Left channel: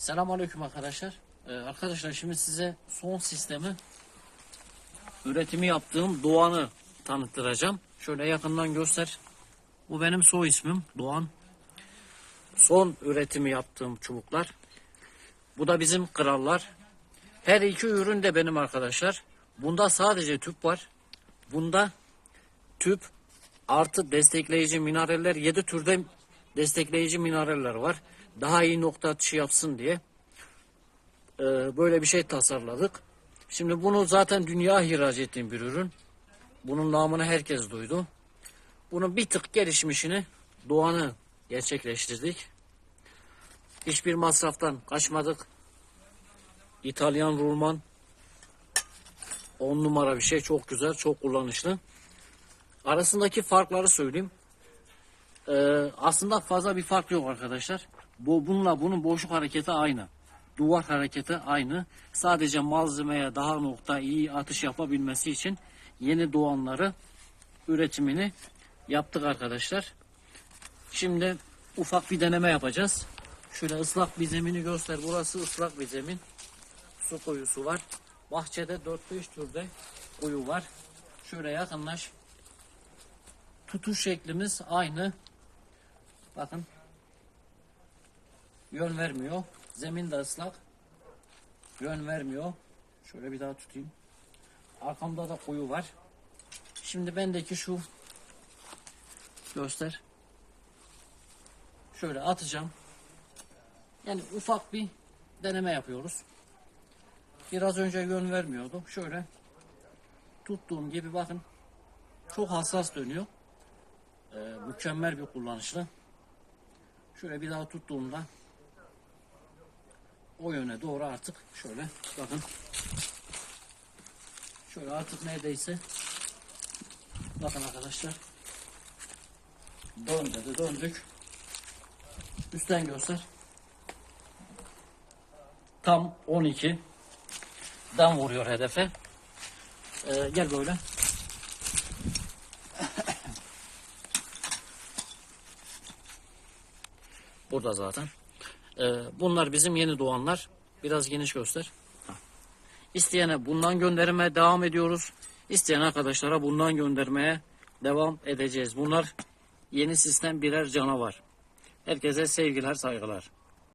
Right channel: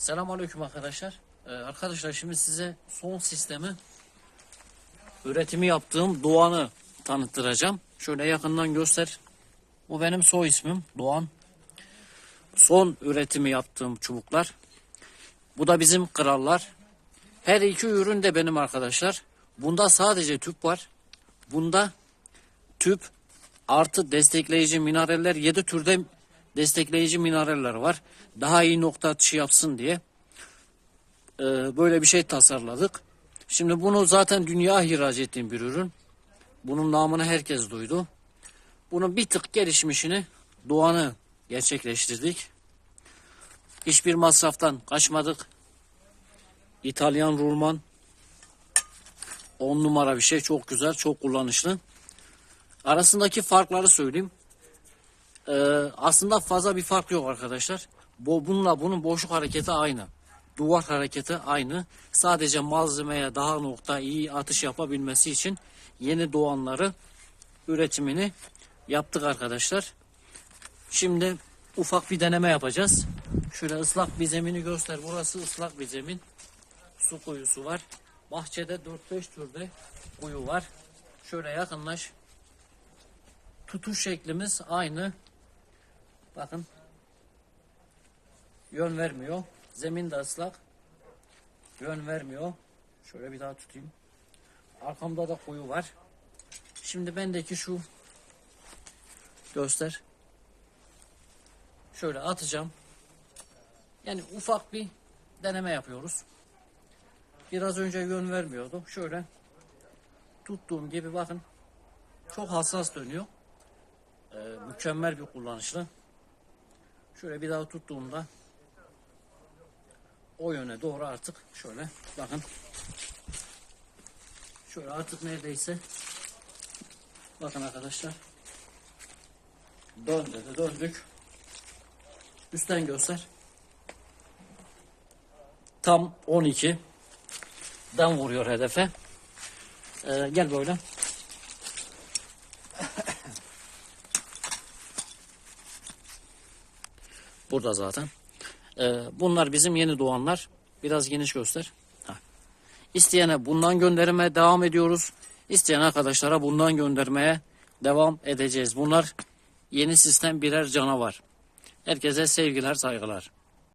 Selamünaleyküm arkadaşlar. Ee, arkadaşlar şimdi size son sistemi üretimi yaptığım Doğan'ı tanıttıracağım. Şöyle yakından göster. Bu benim soy ismim Doğan. Son üretimi yaptığım çubuklar. Bu da bizim krallar. Her iki ürün de benim arkadaşlar. Bunda sadece tüp var. Bunda tüp artı destekleyici mineraller 7 türde destekleyici mineraller var. Daha iyi nokta atışı yapsın diye e, böyle bir şey tasarladık. Şimdi bunu zaten dünya ihraç ettiğim bir ürün. Bunun namını herkes duydu. Bunun bir tık gelişmişini Doğan'ı gerçekleştirdik. Hiçbir masraftan kaçmadık. İtalyan rulman 10 numara bir şey. Çok güzel, çok kullanışlı. Arasındaki farkları söyleyeyim. Ee, aslında fazla bir fark yok arkadaşlar. Bu bununla bunun boşluk hareketi aynı. Duvar hareketi aynı. Sadece malzemeye daha nokta iyi atış yapabilmesi için yeni doğanları üretimini yaptık arkadaşlar. Şimdi ufak bir deneme yapacağız. Şöyle ıslak bir zemini göster. Burası ıslak bir zemin. Su kuyusu var. Bahçede 4-5 türde kuyu var. Şöyle yakınlaş. Tutuş şeklimiz aynı. Bakın. Yön vermiyor. Zemin de ıslak. Yön vermiyor. Şöyle bir daha tutayım. Arkamda da kuyu var. Şimdi bendeki şu göster. Şöyle atacağım. Yani ufak bir deneme yapıyoruz. Biraz önce yön vermiyordu. Şöyle tuttuğum gibi bakın çok hassas dönüyor. Ee, mükemmel bir kullanışlı. Şöyle bir daha tuttuğumda o yöne doğru artık şöyle bakın. Şöyle artık neredeyse bakın arkadaşlar döndü de döndük. Üstten göster. Tam 12 dan vuruyor hedefe. Ee, gel böyle. Burada zaten. Ee, bunlar bizim yeni doğanlar. Biraz geniş göster. İsteyene bundan göndermeye devam ediyoruz. İsteyen arkadaşlara bundan göndermeye devam edeceğiz. Bunlar yeni sistem birer canavar. Herkese sevgiler, saygılar.